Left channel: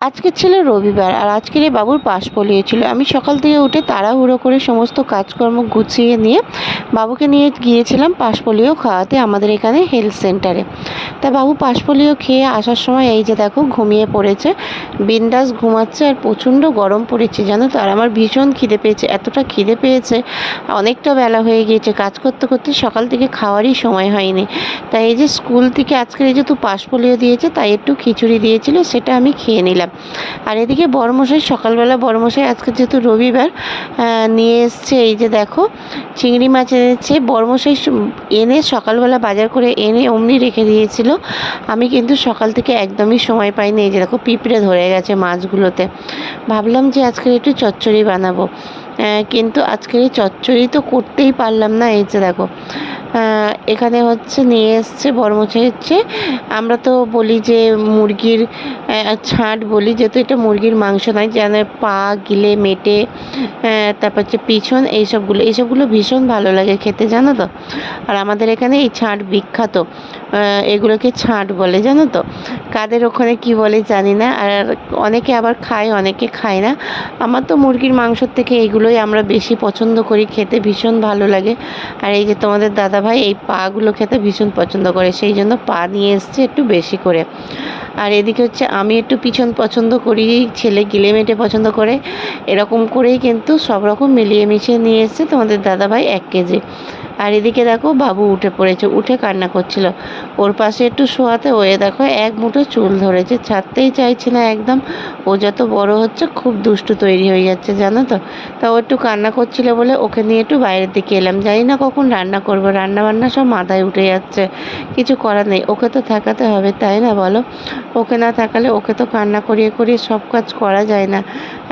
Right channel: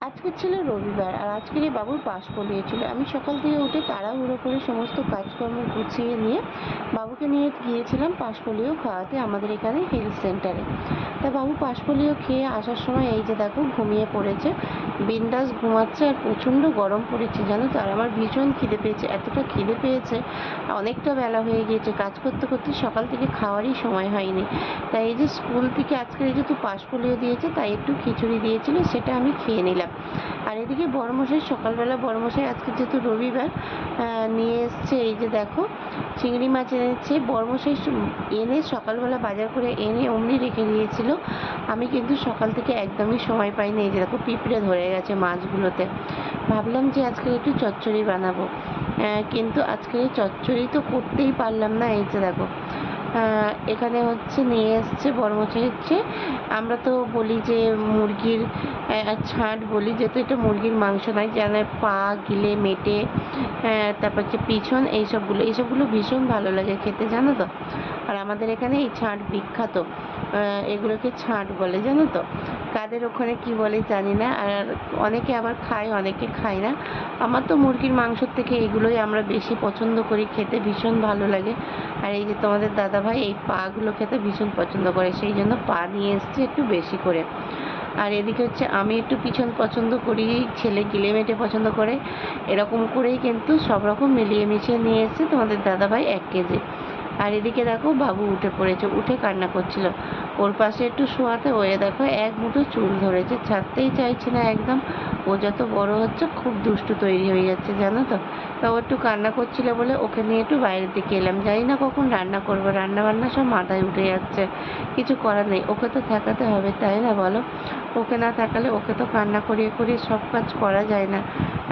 আজকে ছিল রবিবার আর আজকের এই বাবুর পাশ পড়িয়েছিল। আমি সকাল থেকে উঠে তাড়াহুড়ো করে সমস্ত কাজকর্ম গুছিয়ে নিয়ে বাবুকে নিয়ে গিয়েছিলাম পাশ পোলিও খাওয়াতে আমাদের এখানে হেলথ সেন্টারে। তা বাবু পাশ পোলিও খেয়ে আসার সময় এই যে দেখো ঘুমিয়ে পড়েছে, বিন্দাস ঘুমাচ্ছে। আর প্রচণ্ড গরম পড়েছে জানো তো। আর আমার ভীষণ খিদে পেয়েছে, এতটা খিদে পেয়েছে, অনেকটা বেলা হয়ে গিয়েছে, কাজ করতে করতে সকাল থেকে খাওয়ারই সময় হয়নি। তাই এই যে স্কুল থেকে আজকের এই যেহেতু পাশ পোলিও দিয়েছে তাই একটু খিচুড়ি দিয়েছিল, সেটা আমি খেয়ে নিলাম। আর এদিকে বড়মশাই সকালবেলা, বড়মশাই আজকে যেহেতু রবিবার নিয়ে এসছে এই যে দেখো চিংড়ি মাছ এনেছে। বড়মশাই এনে সকালবেলা বাজার করে এনে অমনি রেখে দিয়েছিল। আমি কিন্তু সকাল থেকে একদমই সময় পাইনি। এই যে দেখো পিঁপড়ে ধরে গেছে মাছগুলোতে। ভাবলাম যে আজকে একটু চচ্চড়ি বানাবো, কিন্তু আজকের এই চচ্চড়ি তো করতেই পারলাম না। এই যে দেখো এখানে হচ্ছে নিয়ে এসছে বড়মশাই। হচ্ছে আমরা তো বলি যে মুরগির ছাঁট বলি, যেহেতু এটা মুরগির মাংস নয়, যেন পা গিলে মেটে, তারপর হচ্ছে পিছন, এইসবগুলো ভীষণ ভালো লাগে খেতে জানো তো। আর আমাদের এখানে এই ছাঁট বিখ্যাত, এগুলোকে ছাঁট বলে জানো তো। কাদের ওখানে কি বলে জানি না। আর অনেকে আবার খায়, অনেকে খায় না। আমার তো মুরগির মাংসর থেকে এইগুলোই আমরা বেশি পছন্দ করি, খেতে ভীষণ ভালো লাগে। আর এই যে তোমাদের দাদাভাই এই পাগুলো খেতে ভীষণ পছন্দ করে, সেই জন্য পা নিয়ে এসছে একটু বেশি করে। আর এদিকে হচ্ছে আমি একটু পিছন পছন্দ করি, ছেলে গিলে মেটে পছন্দ করে। এরকম করেই কিন্তু সব রকম মিলিয়ে মিশিয়ে নিয়ে এসছে তোমাদের দাদাভাই 1 কেজি। আর এদিকে দেখো বাবু উঠে পড়েছে, উঠে কান্না করছিল। ওর পাশে একটু শোয়াতে হয়ে দেখো এক মুঠো চুল ধরেছে, ছাড়তেই চাইছে না একদম। ও যত বড় হচ্ছে খুব দুষ্টু তৈরি হয়ে যাচ্ছে জানো তো। তা ও একটু কান্না করছিল বলে ওকে নিয়ে একটু বাইরের দিকে এলাম। জানি না কখন রান্না করবো, রান্না বান্না সব মাথায় উঠে যাচ্ছে। কিছু করার নেই, ওকে তো থাকাতে হবে তাই না বলো। ওকে না থাকালে ওকে তো কান্না করিয়ে করিয়ে সব কাজ করা যায় না।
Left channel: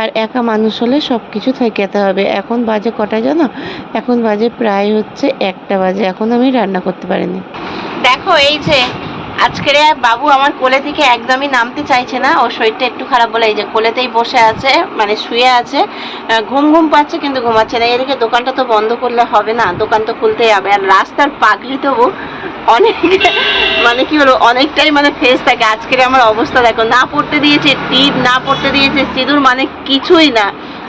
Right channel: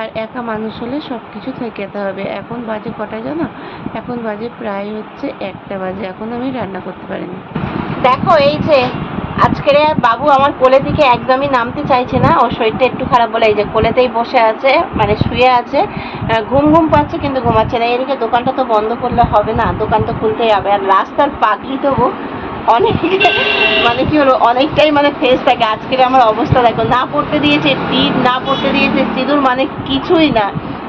আর একা মানুষ হলে সব কিছু ঠেকাতে হবে। এখন বাজে কটা জানো? এখন বাজে প্রায় হচ্ছে 1টা বাজে, এখন আমি রান্না করতে পারিনি। দেখো এই যে আজকের বাবু আমার কোলে থেকে একদমই নামতে চাইছে না, ওর শরীরটা একটু খারাপ বলে এই যে কোলেতেই বসে আছে, মানে শুয়ে আছে। ঘুম ঘুম পাচ্ছে কিন্তু ঘুমাচ্ছে না। এদিকে দোকানটা তো বন্ধ করলে হবে না, দোকান তো খুলতেই হবে। আর রাস্তার পাগলি তবু অনেক মানে কি বলবো, অনেকটাই মানে ফেস থাকে। আজকের আমার অবস্থা দেখো, না পড়তে দিয়েছে টিপ, না পড়তে দিয়েছে সিঁদুর, মানে কিছুই না।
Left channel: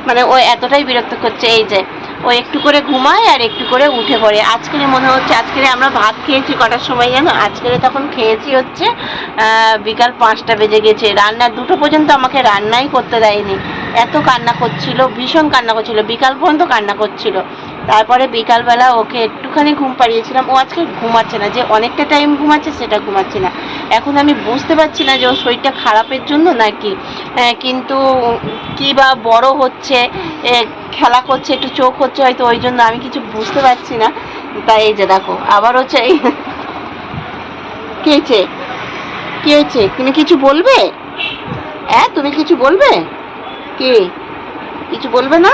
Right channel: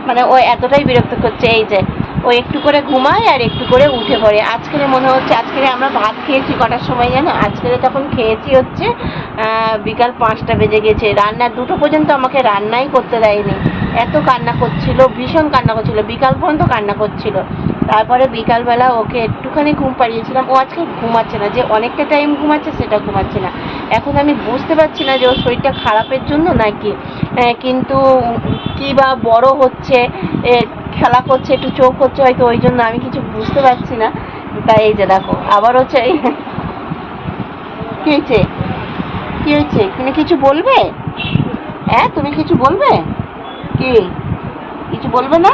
মানে ও এতটাই বিরক্ত করছে। এই যে ও একটু করে ঘুমায় আর একটু করে উঠে পড়ে। আজকের মনে হচ্ছে, আজকের আমরা ভাত খেয়েছি কটার সময় জানো? আজকের তখন খেয়েছি হচ্ছে বিকাল 5টা বেজে গেছে। রান্না 2টো পর্যন্ত আমাকে রান্নাই করতে দেয়নি। এত কান্না করছিল, ভীষণ কান্না করছিল, বিকাল পর্যন্ত কান্না করছিল। তারপরে বিকালবেলা ওকে একটুখানি ঘুম পাড়িয়েছিলাম। ও আজকে ঘুমাচ্ছে না, যে অনেকটা টাইম ঘুমাচ্ছে সেটা ঘুমাচ্ছে না। এখন আমি বুঝতে পারছি না যে ওর শরীরটা খারাপের জন্য নাকি, কিন্তু কী বা বড় হচ্ছে, খেলা করছে, একটু চোখ হচ্ছে হয়তো, ওই জন্য আমি কিছু বুঝতে পারছি না। তাই এই যে দেখো আবার হচ্ছে এই কী হয়েছে, কী হয়েছে, তুমি কিছু বলবে? হ্যাঁ তুমি কিছু বলবে? কি কিছু বলবে না?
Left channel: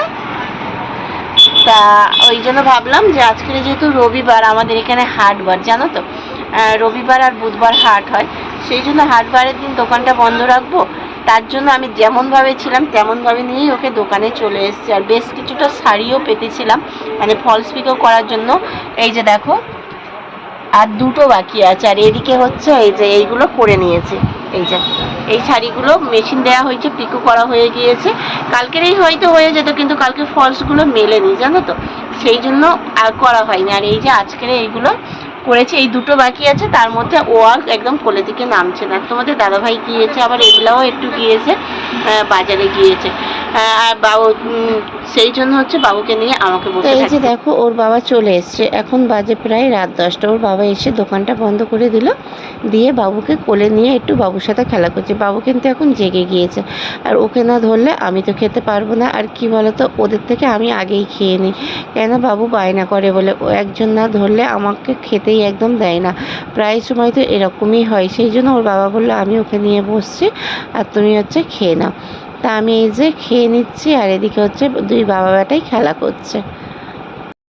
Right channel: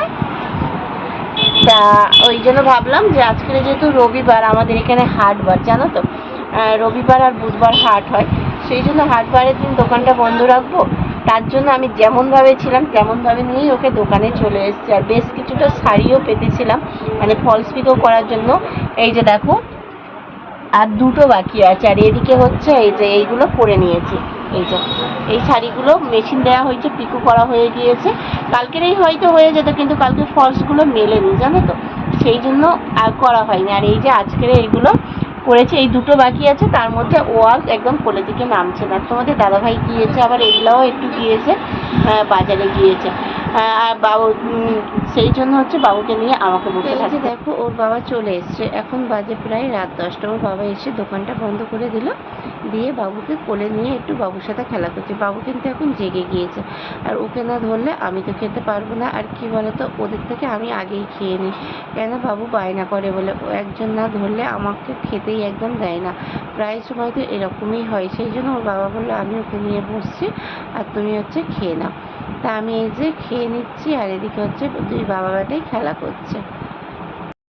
তা ওই জন্য ভাবলাম যে আজকের যেহেতু রবিবার, আমাদের এখানে হাটবার জানো তো, রবিবার আর বুধবার হাট হয়, সেই জন্য হাটবারের দিন দোকানটা বন্ধ রাখবো। তার জন্য আমি যেমনভাবে ছিলাম তেমনভাবে নিয়েই ওকে দোকানে চলে এসেছি। আর বেশ কিছুটা শাড়িও পেতেছিলাম, মানে ফলস পিকো করার জন্য। এই যে দেখো আর 2টো বাকি আছে। আর এদিকে হচ্ছে এই যে এইগুলো করে নিয়েছি। এই যে এই শাড়িগুলো মেশিন দেওয়া হয়েছে, পিকো করা হয়ে গিয়েছে। কালকেরই হয়তো হয়ে যেত, কিন্তু কালকে ফলসগুলো মেলেনি জানো তো, সেই জন্য আর করা হয়নি। আর এই যে আজকের এইগুলো করেছে, এই 2টো বাকি আছে, তার মধ্যে ও আর একদম কোলে থেকে নামছে না। তোমাদের দাদাভাই গিয়েছে, আবার এগুলাও একটু গিয়েছে, বাজারে গিয়েছে। আর বাবু সেই জন্য হচ্ছে বাবুকে নিয়ে আমাকে বসে থাকতে। এই যে দেখো ওর বাবা চলে এসছে, এখন বাজে প্রায় রাত 10টা। ওর বাবা এসে দোকানটা বন্ধ করে দিল, দিয়ে বাবুকে কোলে নিয়ে একটু বাবুর সাথে খেলা করছে। বাবু কিন্তু এখন জেগে গিয়েছে, আর ওকে না ধরলে আমি তো খেতে পারবো না। আর কি বলতো, ওদের থেকে আমি আগেই খেয়ে নিই, কেন বাবু বায়না করে বলে। ও একজন না ধরলে আমাকে খেতেই একদম দেয় না, প্রায় সময় তো এরকমই হয়। সেই জন্য ওর বাবা বললো আমি ওকে নিয়ে বসছি আর তুমি হচ্ছে খেয়ে নাও। তা আমি এই যে খেয়ে নিচ্ছি, আর এদিকে হচ্ছে 2 বাবা বেটাই খেলা করছে।